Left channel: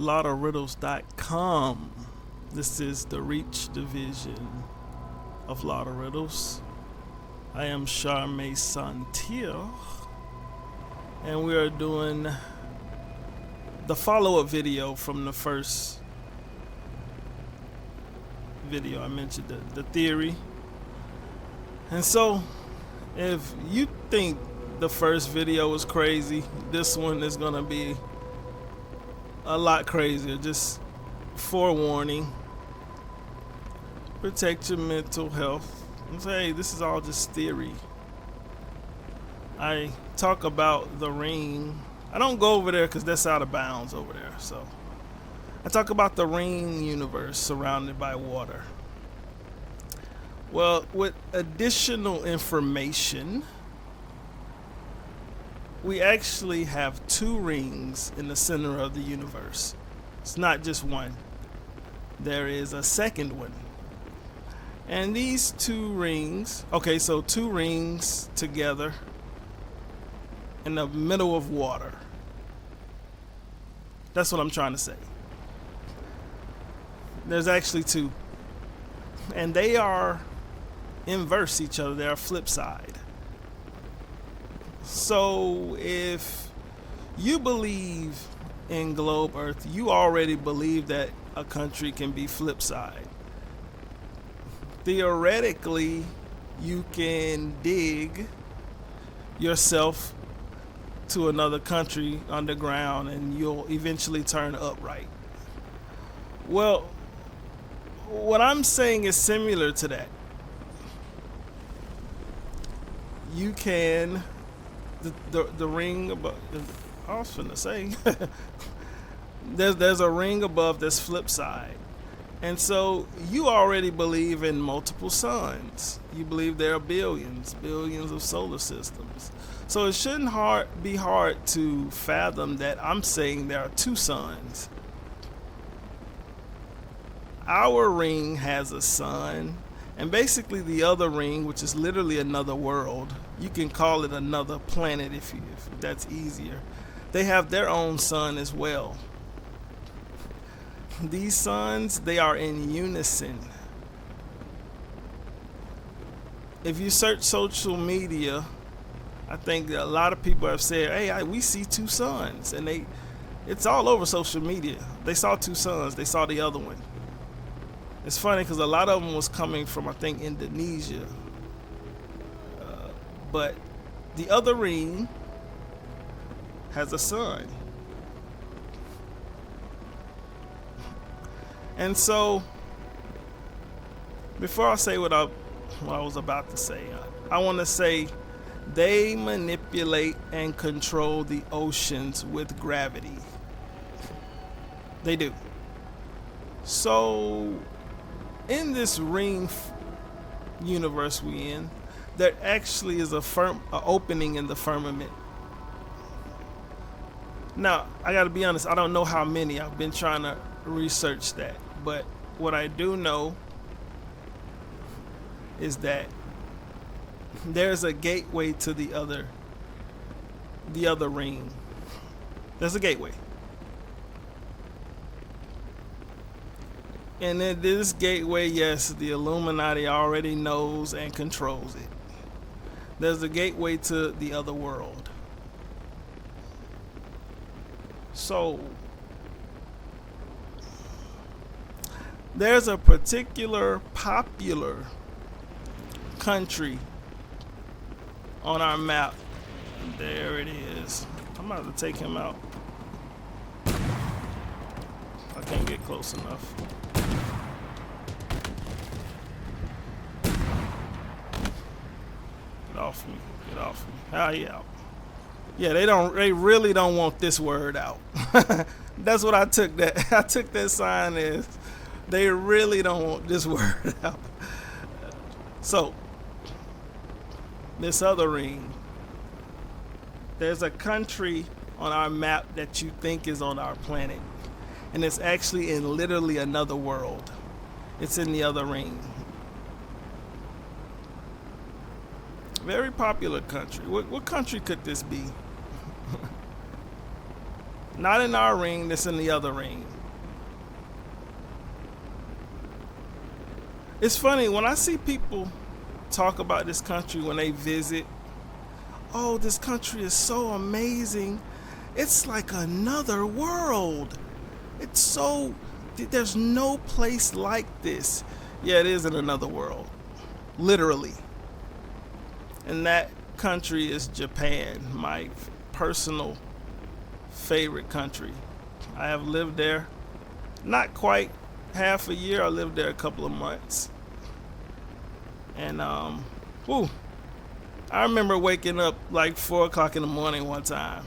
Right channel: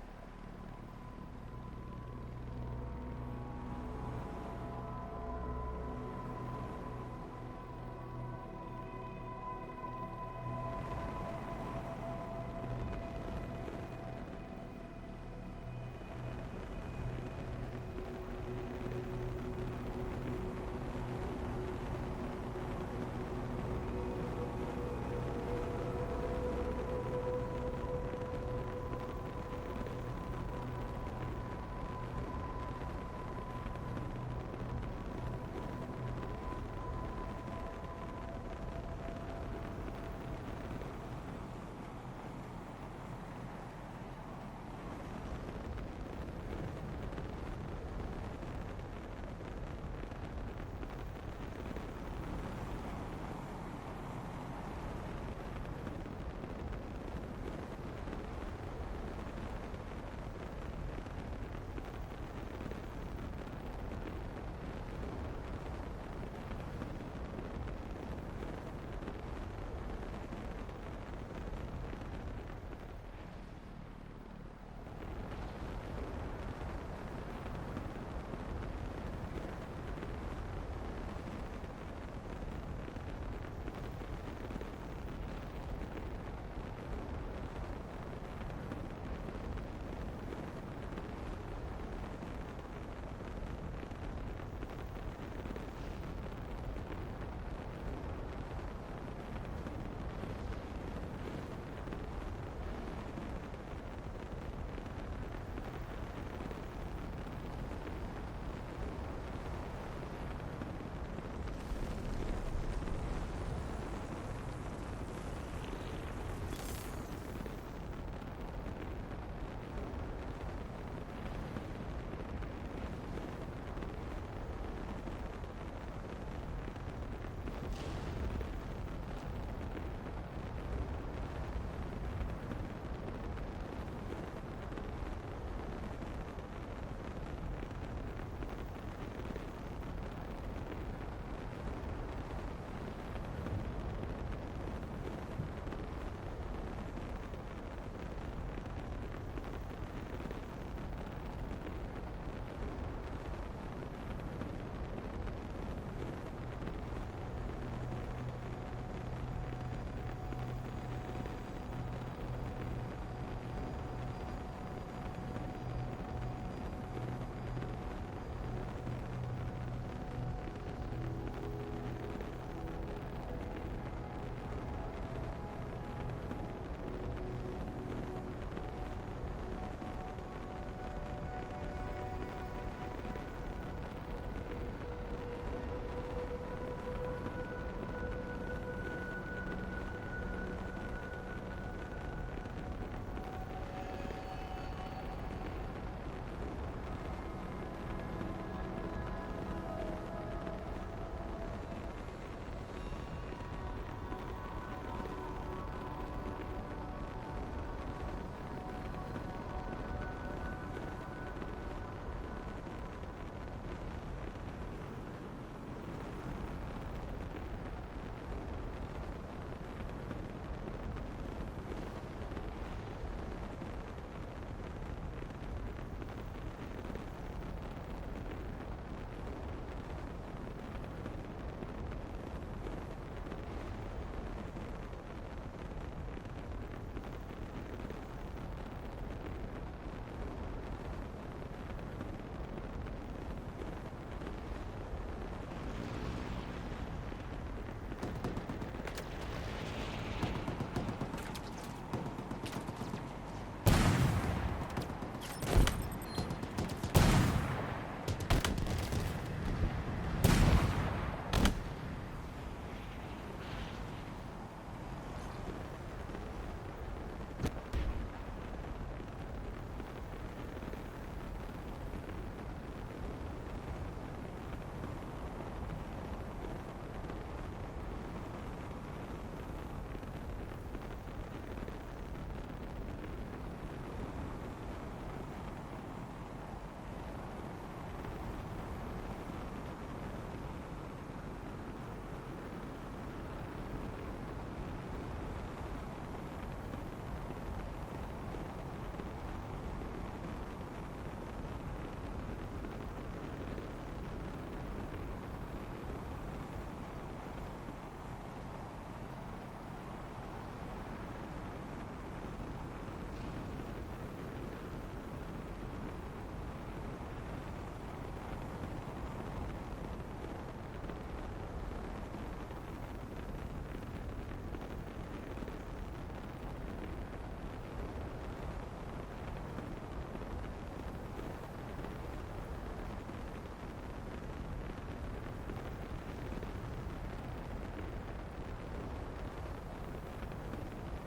Lottoriddles.com. This is the Reach division of Lottoriddles. I am Charmaine Santil, and we are doing the follow-up video from the first video. I mentioned the theory. And so, if you think the first video was crazy, this one is going to be a lot crazier. Just forewarning. Protect your mental health. Hey, this is all just theory. I talk about the ring. I don't go over there because that's out of bounds over there. So I talk about the ring universe surrounded by water. Well, with additional information, we actually have two rings in the center of the universe. It's not just one. There is a second one. And these two rings, so two rings together in the middle of water. That's what I'm trying to say. There's actually two. And they are inverse each other. They are flip side. So if you believe in globe earth, you already believe that a country can be flip side. Theoretically, you can dig yourself to another country underground and you'll eventually turn upright. Well, what I'm saying is similar to that. You can, the ring above, I was finna say, there's a ring above that's flip side. And so you already believe in multiple suns. You believe there are billions of solar systems. So it shouldn't be hard to fathom that I'm saying there are two suns. Our ring has a sun, and basically the other ring, which is literally another world, you can call it another planet if that's easier. They have their own sun as well. These suns, they are in unison. If you search social media, I think that a lot of people have said, hey, we see two suns. And it's all over social media. They saw two suns. They saw the other one. It's funny because a lot of them was coming from, I think, Indonesia. But the other ring has a sun. And so, before I say what I was about to say, I want to say they manipulate and control the oceans with gravity. They do. So, in this ring universe we in, there actually is a opening in the firmament. Now, I gotta be honest, I don't know how many. I've been trying to research that. But what I do know is that there's a gateway to the other ring. There's a gateway. And in this gateway, yes, the Illuminati already knows and controls it. There's a gateway to the other world. So, there's a particular popular country on our map. There it is. I'm about to take him out. If I can get close enough. Get off me. Get off me. Ah, yeah. Yeah, they really don't want this word out. That's what I took that sign as. They really don't want this word out. So, this other ring, there's a country on our map that you think is on our planet. And it's actually in literally another world. It's in the other ring. Very popular country. What country could this be? Not in our ring, that's in the other ring. It's funny when I see people talk about this country when they visit. Oh, this country is so amazing. It's like another world. It's so, there's no place like this. Yeah, it is in another world, literally. And that country is Japan, my personal favorite country. I have lived there not quite half a year. I lived there a couple of months. And whew, I remember waking up like 4 o'clock in the morning one time,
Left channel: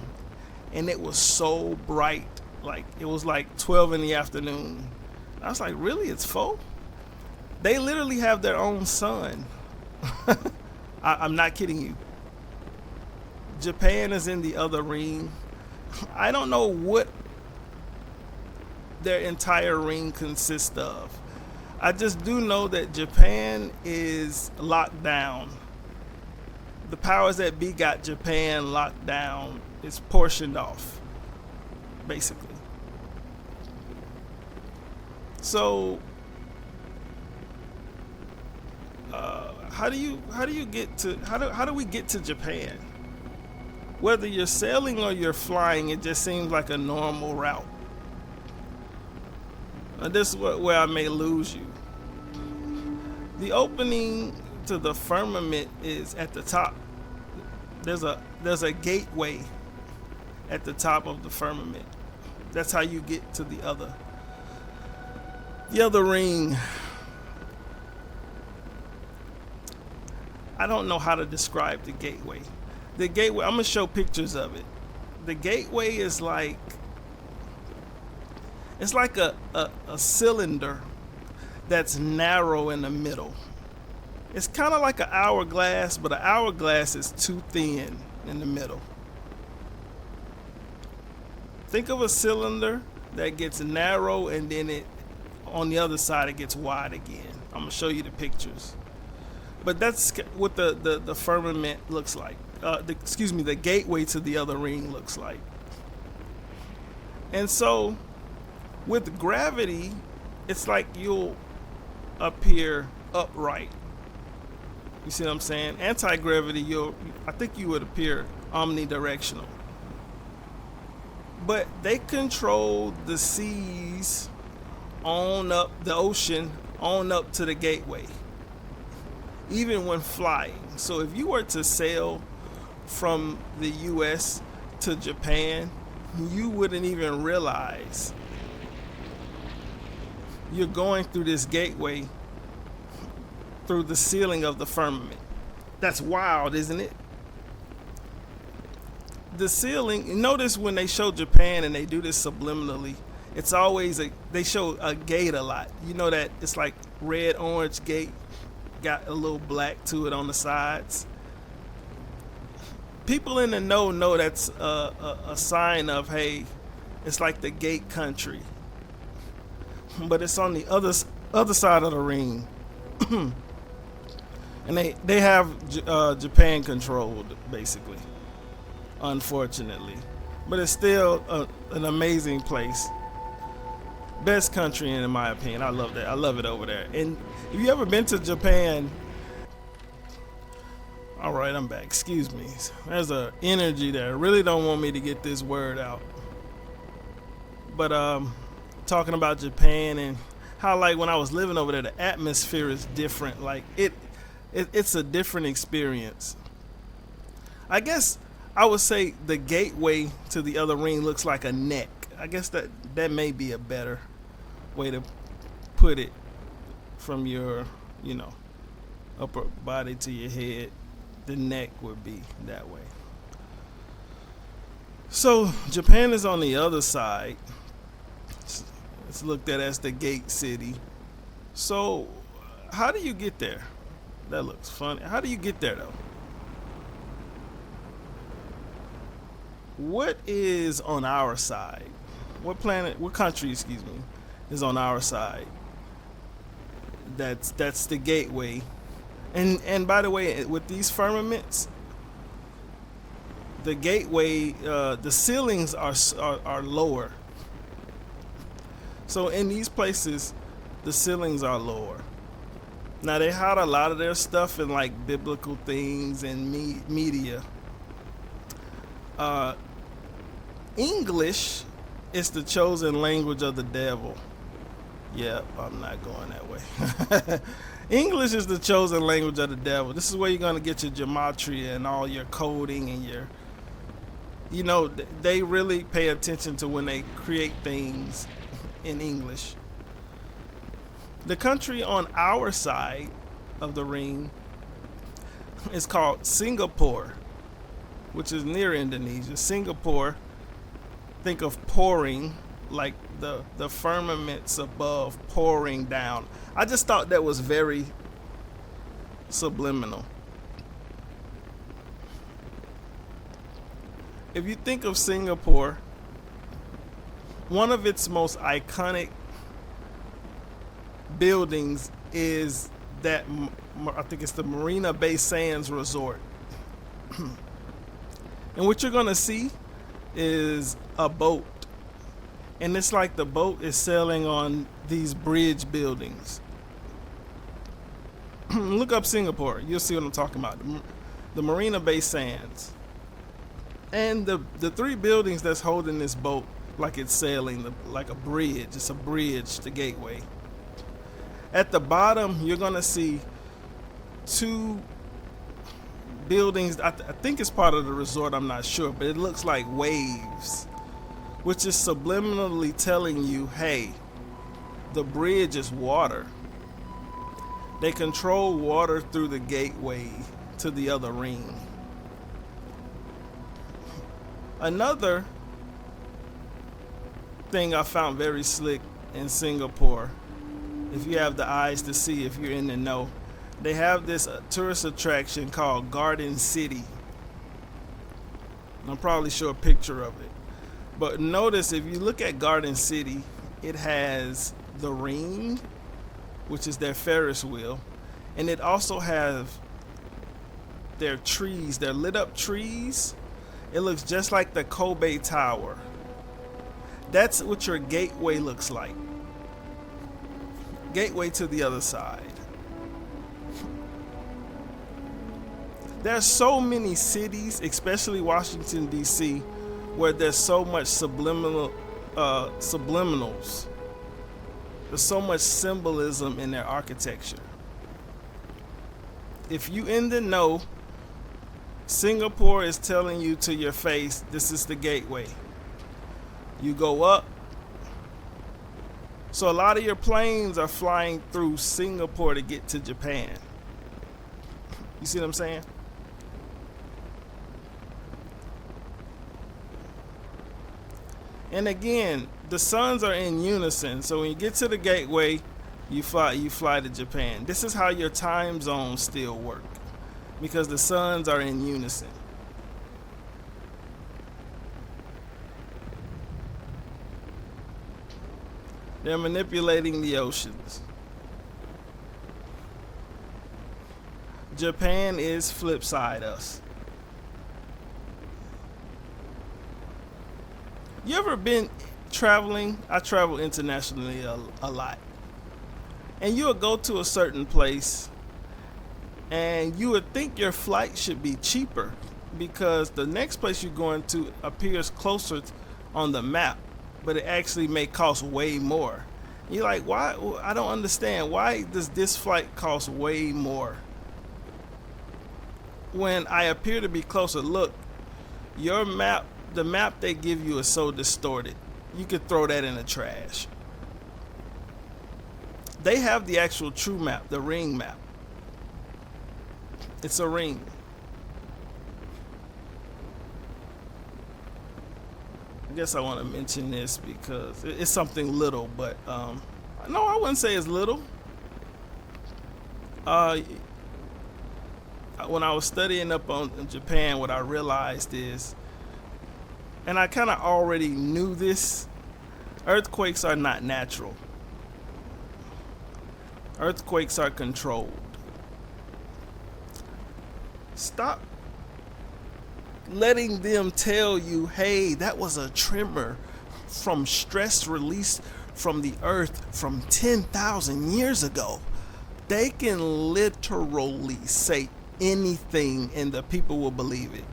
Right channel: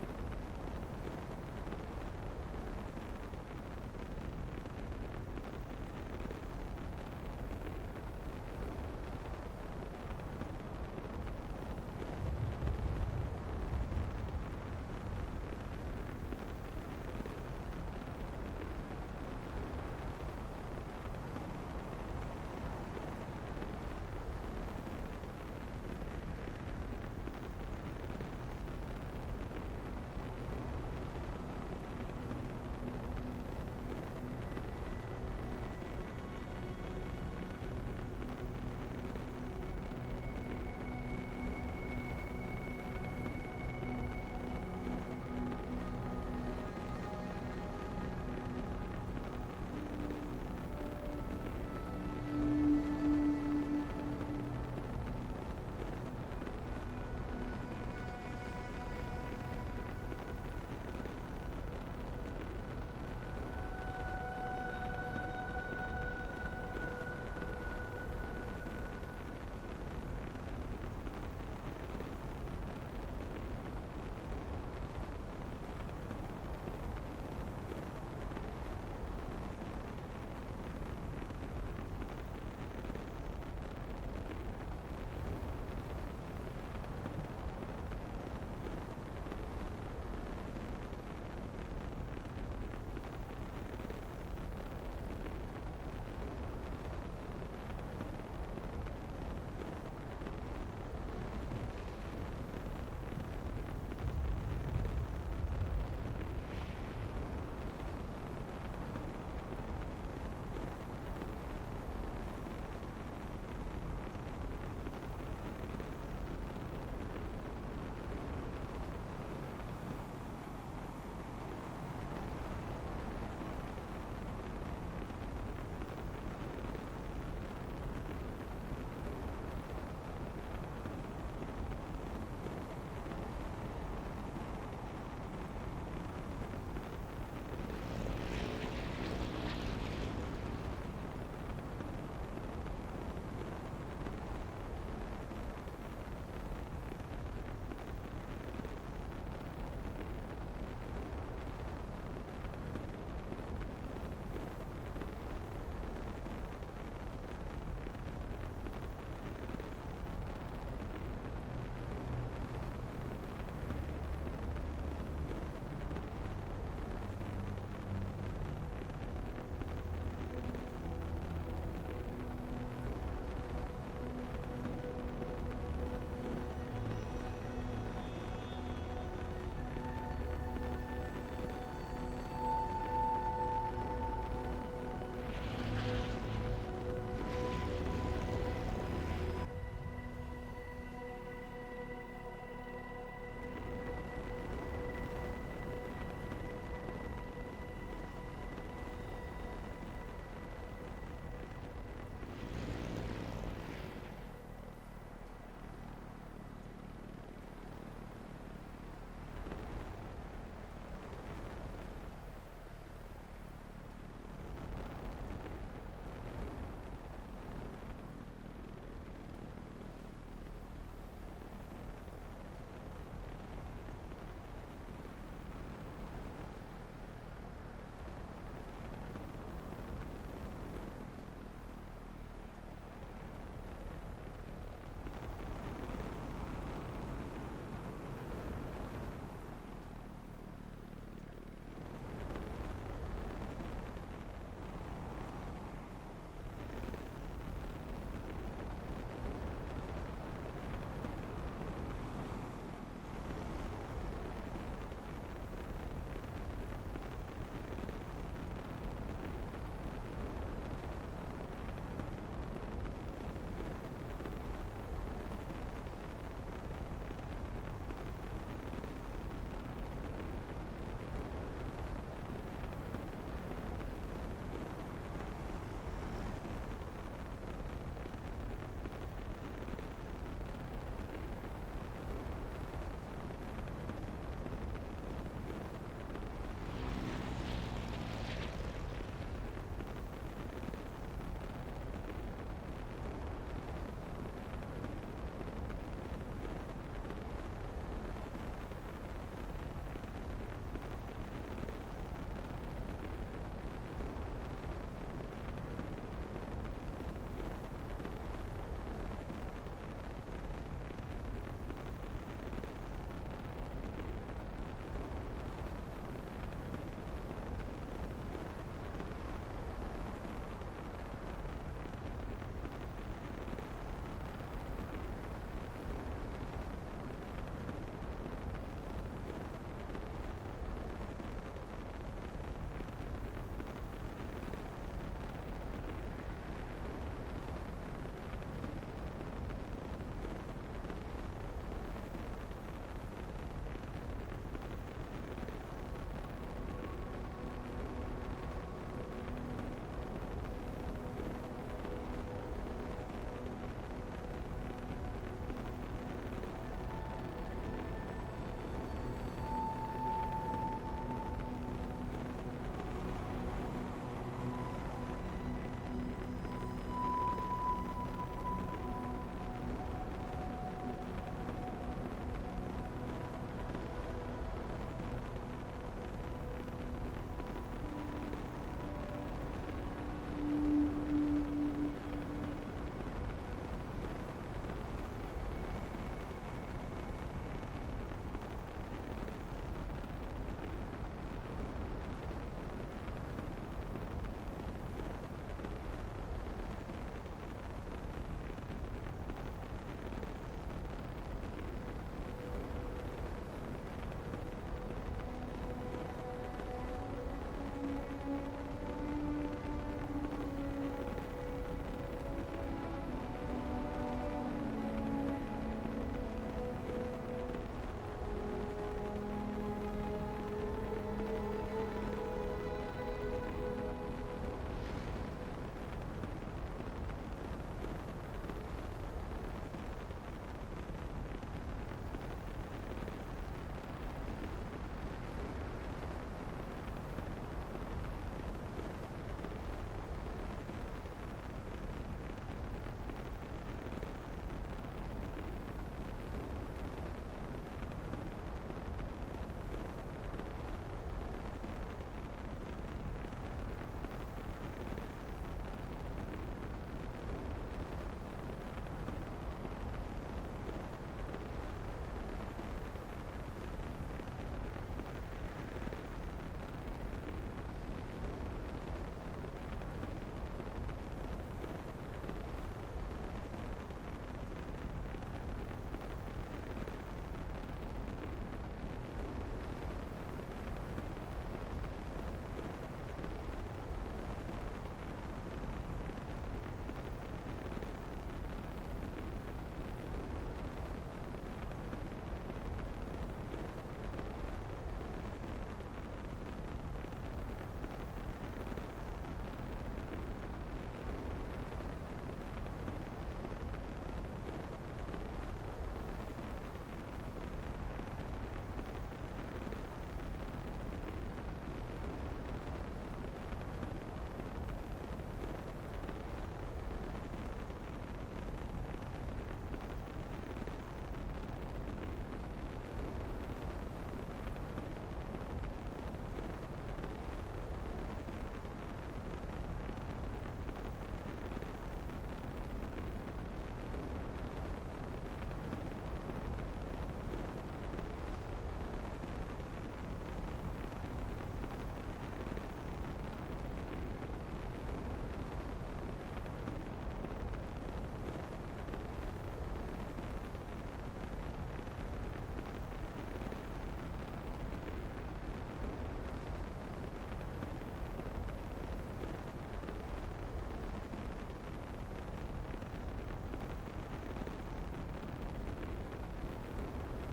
and it was so bright. Like it was like 12 in the afternoon. I was like, really? It's 4? They literally have their own sun. I'm not kidding you. Japan is in the other ring. I don't know what their entire ring consists of. I just do know that Japan is locked down. The powers that be got Japan locked down. It's portioned off, basically. So, how do we get to Japan? Whether you're sailing or you're flying, it just seems like a normal route. Now this is where I may lose you. The opening to the firmament is at the top. There's a gateway at the top of the firmament. That's how you get to the other ring. I don't know how to describe the gateway. The gateway, I'm gonna show pictures of it. The gateway is like, it's like a cylinder that's narrow in the middle. It's kind of like an hourglass, but an hourglass is too thin in the middle. Think of a cylinder that gets narrow and then on the other side it gets wide again. I'm gonna show you the pictures. But that's what the firmament looks like. The gateway to the other ring looks like. And so with gravity, it's like you'll appear upright. You see what I'm saying? Anti-gravity, I think you would appear omnidirectional. But they control the seas on up, the ocean on up to the gateway, even when flying. So if you were to sail from the US to Japan, you wouldn't even realize you're going through this gateway through the ceiling of the firmament. That's wild, isn't it? The ceiling, notice when they show Japan and they do this subliminally, it's always they show a gate a lot. You know that it's like red, orange gate, got a little black to it on the sides. People in the know that's a sign of, hey, it's like the gate country. But it's on the other side of the ring. And they have Japan controlled, basically, unfortunately. But it's still an amazing place. Best country in my opinion. I love that. I love it over there. And if you ever been to Japan, all right, I'm back. Excuse me. There's an energy there. Really don't want me to get this word out. But talking about Japan and how, like, when I was living over there, the atmosphere is different. Like it's a different experience. I guess I would say the gateway to the other ring looks like a neck. I guess that may be a better way to put it, from your, upper body to your head. The neck would be that way. So Japan is on the other side. It's looked at as the gate city. So how do you get there? That looks funny. How do you get there though? What is on our side? What country, is on our side? That's the gateway. And by the way, with these firmaments, the gateway, the ceilings are lower. So in these places, the ceilings are lower. Now they hide a lot of their stuff in like biblical things and media. Uh, English is the chosen language of the devil. Yeah, I'm not going that way. English is the chosen language of the devil. This is where you're going to get your gematria and all your coding and your, you know, they really pay attention to when they create things in English. The country on our side of the ring is called Singapore, which is near Indonesia. Singapore, think of pouring, like the firmaments above pouring down. I just thought that was very subliminal. If you think of Singapore, one of its most iconic buildings is that, I think it's the Marina Bay Sands Resort. And what you're gonna see is a boat. And it's like the boat is sailing on these bridge buildings. Look up Singapore, you'll see what I'm talking about. The Marina Bay Sands. And the three buildings that's holding this boat, like it's sailing, like a bridge. It's a bridge, the gateway. At the bottom, you're gonna see two buildings. I think it's part of the resort, I'm not sure, but it looks like waves, which is subliminally telling you, hey, the bridge is water. They control water through the gateway to the other ring. Another thing I found very slick in Singapore, if you have the eyes to see, if you're in the know, they have this tourist attraction called Garden City. I'll probably show a picture of it. But notice, if you look at Garden City, it has the ring, which is their Ferris wheel, and it also have their trees, their lit up trees. It looks just like the Kobe Tower. That's what your gateway looks like. Gateway to the other side. There's so many cities, especially Washington, D.C., where there's so much subliminals. There's so much symbolism in their architecture. If you in the know, Singapore is telling you to your face, this is the gateway. You go up. So a lot of your planes are flying through Singapore to get to Japan. You see what I'm saying? And again, the suns are in unison. So when you get to the gateway, you fly to Japan. This is how your time zones still work, because the suns are in unison. They're manipulating the oceans. Japan is flip side us. You ever been traveling? I travel internationally a lot. And you'll go to a certain place and you would think your flight should be cheaper because the next place you're going to appears closer on the map, but it actually may cost way more. You're like, why? I don't understand. Why does this flight cost way more when I appear to be closer? Look, your map, the map they give you is so distorted. You could throw that in the trash. They have the actual true map, the ring map. It's a ring. I guess I want to mention this because it's something little, but no, I wouldn't say it's little. When I was studying up on Japan, what I realized is, and I kind of already knew this, earthquakes are not natural. Earthquakes are controlled. Stop letting them tell you, hey, that was a tremor from stress released from the earth from 10,000 years ago. They can literally say anything and the people will believe it.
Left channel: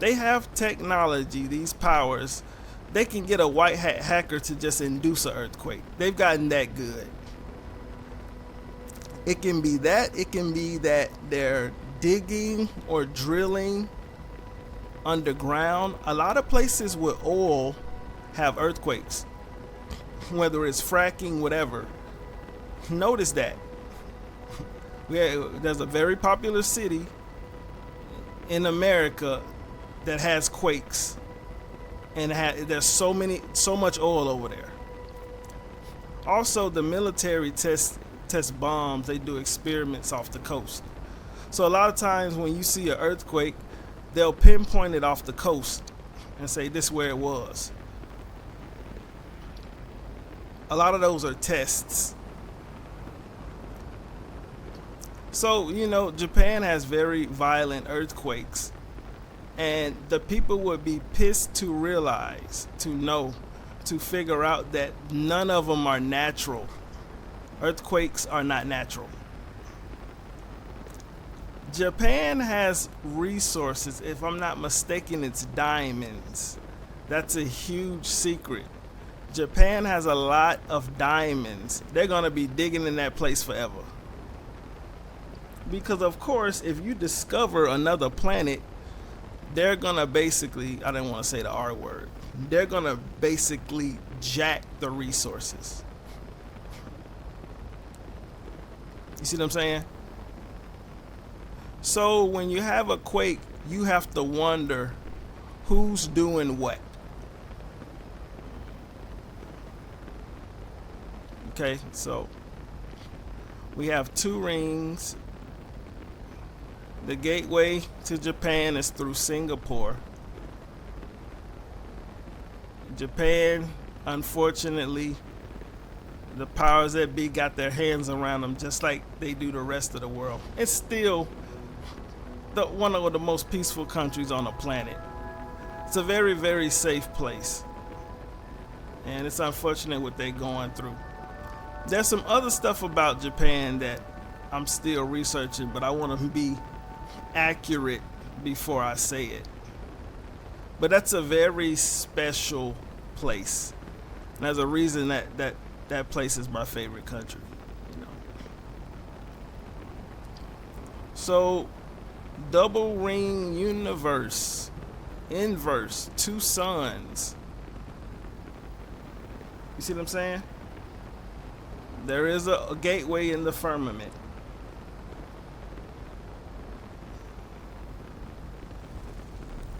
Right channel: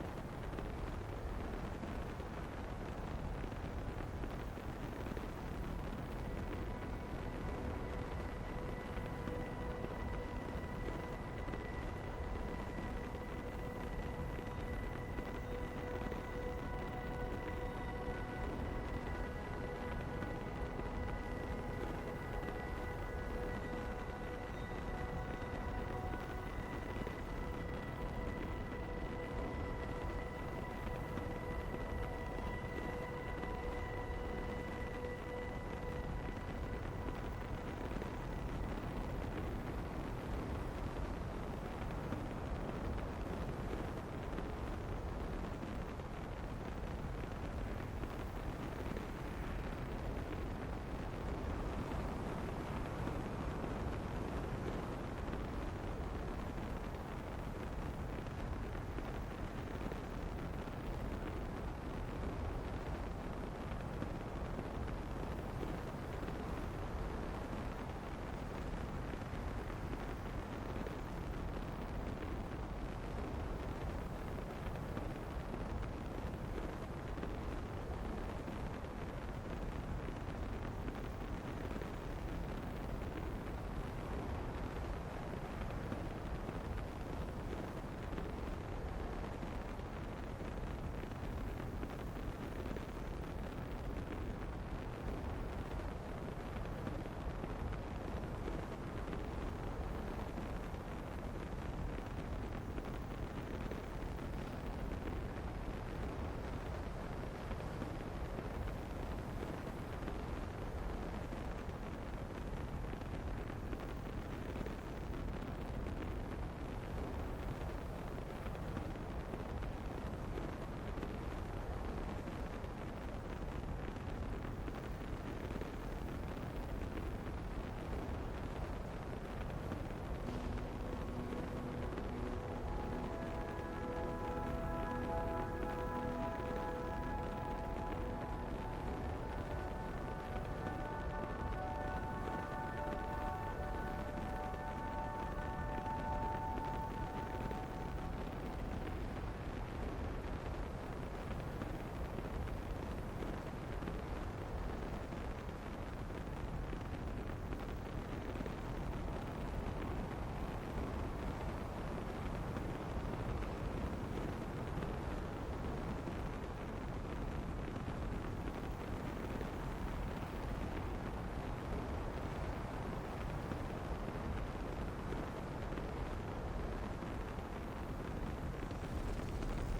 They have technology, these powers. They can get a white hat hacker to just induce an earthquake. They've gotten that good. It can be that. It can be that they're digging or drilling underground. A lot of places with oil have earthquakes, whether it's fracking, whatever. Notice that. There's a very popular city in America that has quakes, and there's so much oil over there. Also, the military test bombs. They do experiments off the coast. So a lot of times when you see an earthquake, they'll pinpoint it off the coast and say this is where it was. A lot of those are tests. So, Japan has very violent earthquakes, and the people would be pissed to realize, to figure out that none of them are natural. Earthquakes are not natural. Japan has resources. If I'm not mistaken, it's diamonds. That's a huge secret. Japan has a lot of diamonds. They're going to be digging in that place forever. Because, of course, if you discover another planet, they're going to basically, I didn't want to say the R word, they're going to basically jack the resources. You see what I'm saying? So when you have a quake, you have to wonder who's doing what. Okay, so we have 2 rings. The gateway to Japan is through Singapore. Japan, unfortunately, the powers that be got their hands around them just like they do the rest of the world. It's still one of the most peaceful countries on the planet. It's a very, very safe place. And it's unfortunate what they're going through. There's some other stuff about Japan that I'm still researching, but I want to be accurate before I say it. But that's a very special place. And there's a reason that place is my favorite country. So, double ring universe, inverse, 2 suns. You see what I'm saying? There is a gateway in the firmament.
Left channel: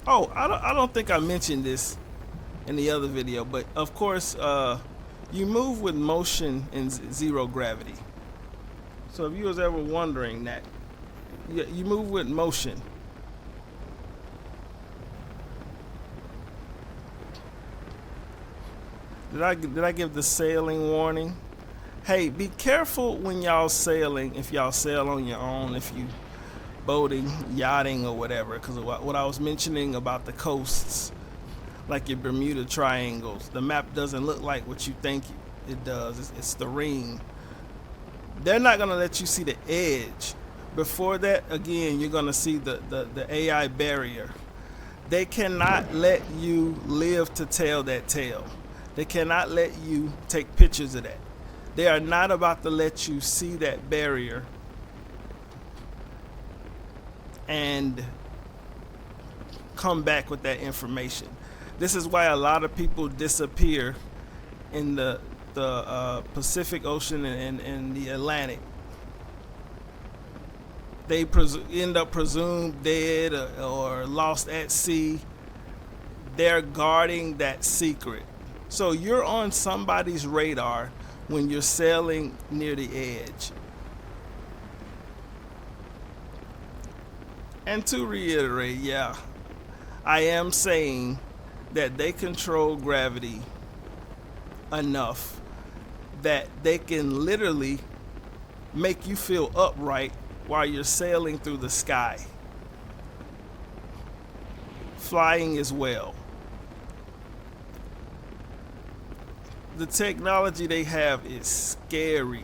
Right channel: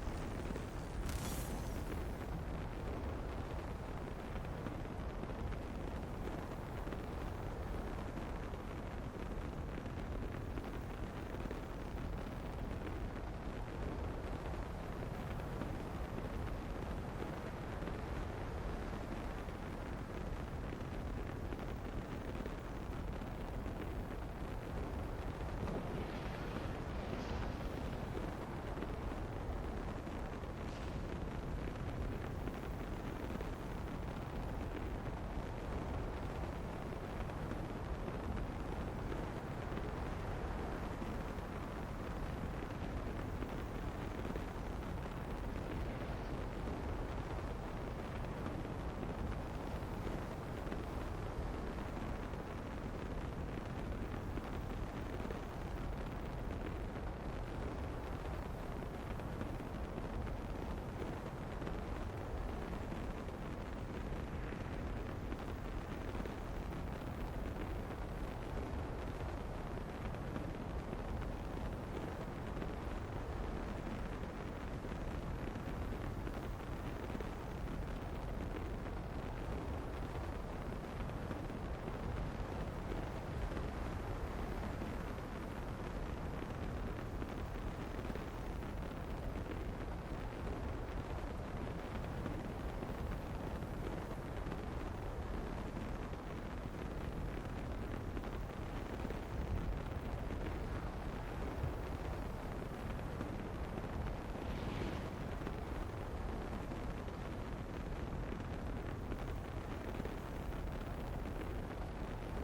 Oh, I don't think I mentioned this in the other video, but of course, you move with motion in 0 gravity. So if you was ever wondering that, you move with motion. Did I give the sailing warning? Hey, be careful when y'all sailing, if y'all sail on your own, if you boating, yachting, or whatever, because what I was mentioning about the coasts, like your Bermuda Triangles, the map doesn't look like what you think it does. It's the ring. They're not going to let you see the edge. Before that, again, you're going to see the AI barrier. They cannot let you live to tell that tale. They cannot let you take pictures of that. They are not about to let you see that barrier and come back with that information. This is why a lot of people disappear in the Pacific Ocean and the Atlantic. They end up presumed dead or lost at sea. They're guarding that secret. So you're on somebody's radar when you're sailing near the edge. And to reiterate, yeah, I am saying that they control gravity enough that they can literally make you feel upright while you're sailing through the sky. Flying as well. the technology they have is scary.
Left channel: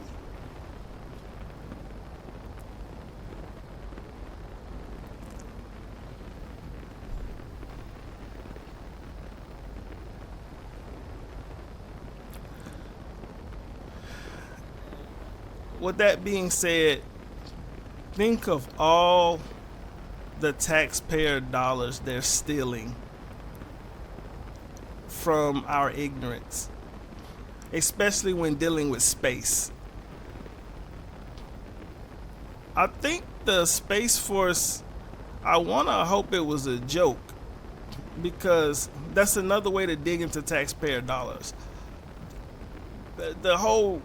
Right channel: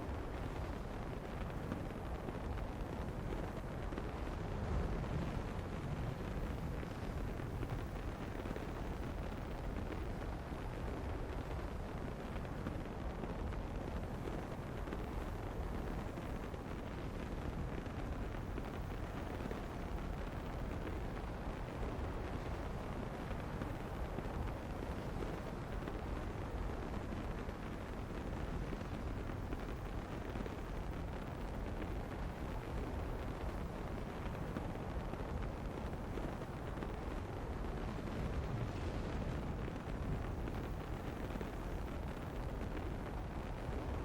With that being said, think of all the taxpayer dollars they're stealing from our ignorance, especially when dealing with space. I think the Space Force, I want to hope it was a joke, because that's another way to dig into taxpayer dollars. The whole,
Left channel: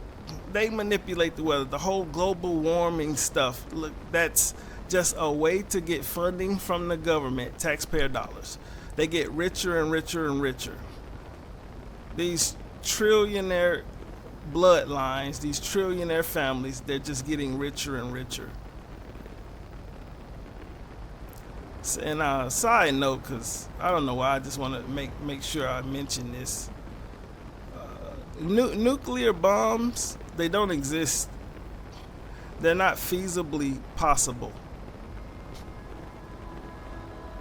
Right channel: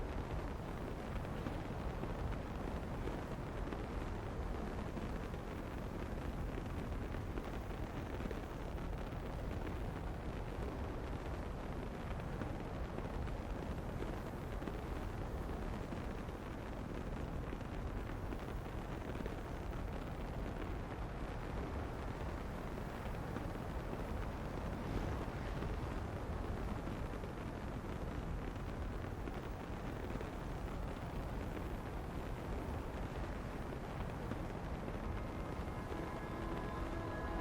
they manipulate the weather, the whole global warming stuff. Look, that's just a way to get funding from the government, taxpayer dollars. They get richer and richer and richer. These trillionaire bloodlines, these trillionaire families, they're just getting richer and richer. And side note, because I don't know why, I just want to make sure I mention this. Nuclear bombs, they don't exist. They're not feasibly possible.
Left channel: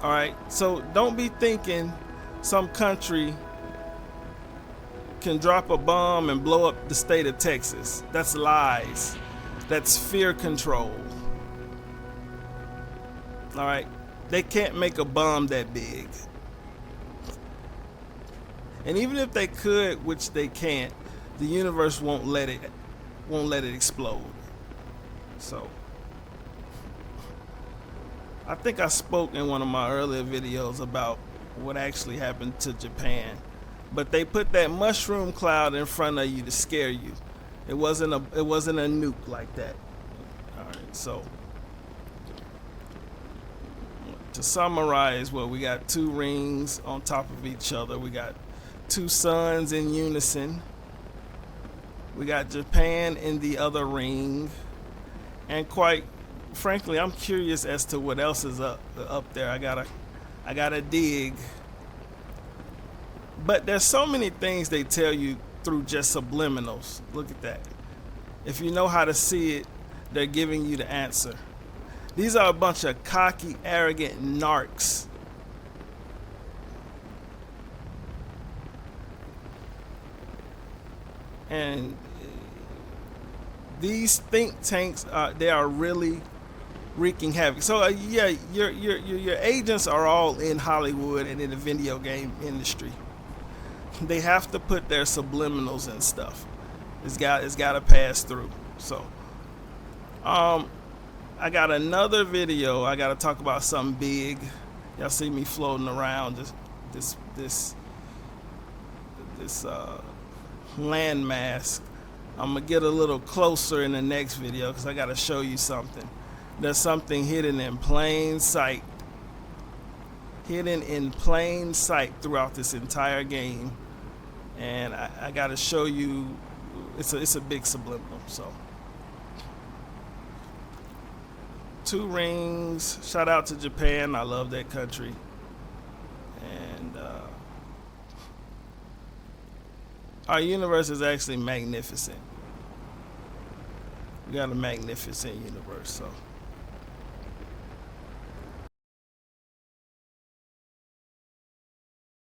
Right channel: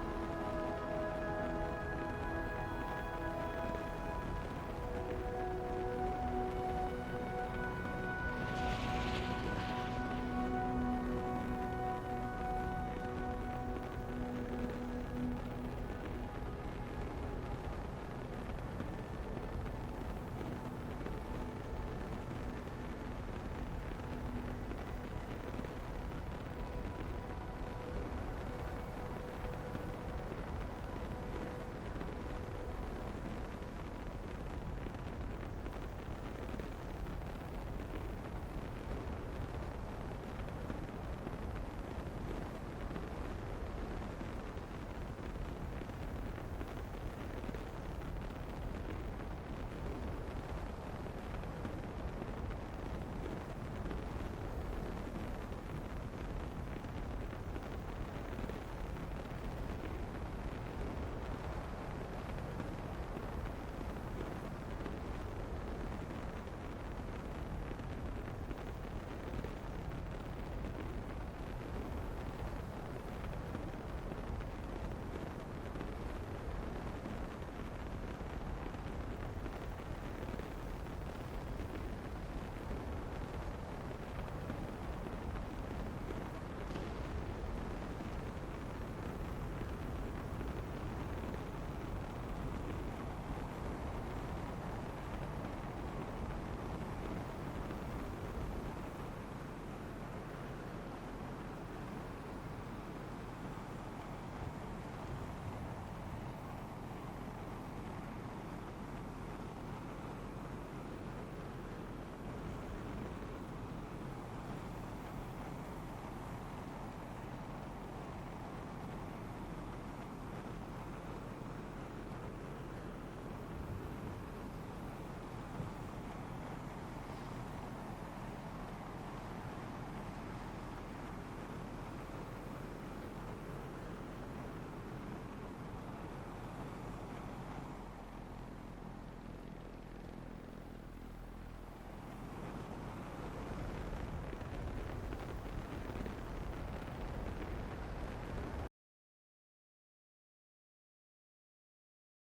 All right, so don't be thinking some country can drop a bomb and blow up the state of Texas. That's lies. That's fear control. All right, they can't make a bomb that big. And even if they could, which they can't, the universe won't let it explode. So I think I spoke in one of my earlier videos about what actually happened to Japan. But they put that mushroom cloud in front of you to scare you. It wasn't a nuke like that. All right, so to summarize, well, we got two rings on top of each other. We got two suns in unison. We got Japan in the other ring. And quite frankly, I'm curious as to what else is up there. I gotta dig. But there's so many things they tell you through just subliminals. Look at that. If you know how to see it, they're giving you the answer. These are a bunch of cocky, arrogant narcs. And these think tanks, they are really wreaking havoc. So yeah, your agents are all in Hollywood and in the video game industry. They have to put their subliminals and stuff. It's got to pass through. So I got another video. I got to talk about something big. Y'all see me floating around this landmass. I'm gonna get a little closer in the next video because I got to show you something. There's something hidden in plain sight. Hidden in plain sight throughout this entire game. And I got to show you, it's a big subliminal. So, two rings. Shout out to Japan. I love that country. And our universe is actually magnificent. We got a magnificent universe. So.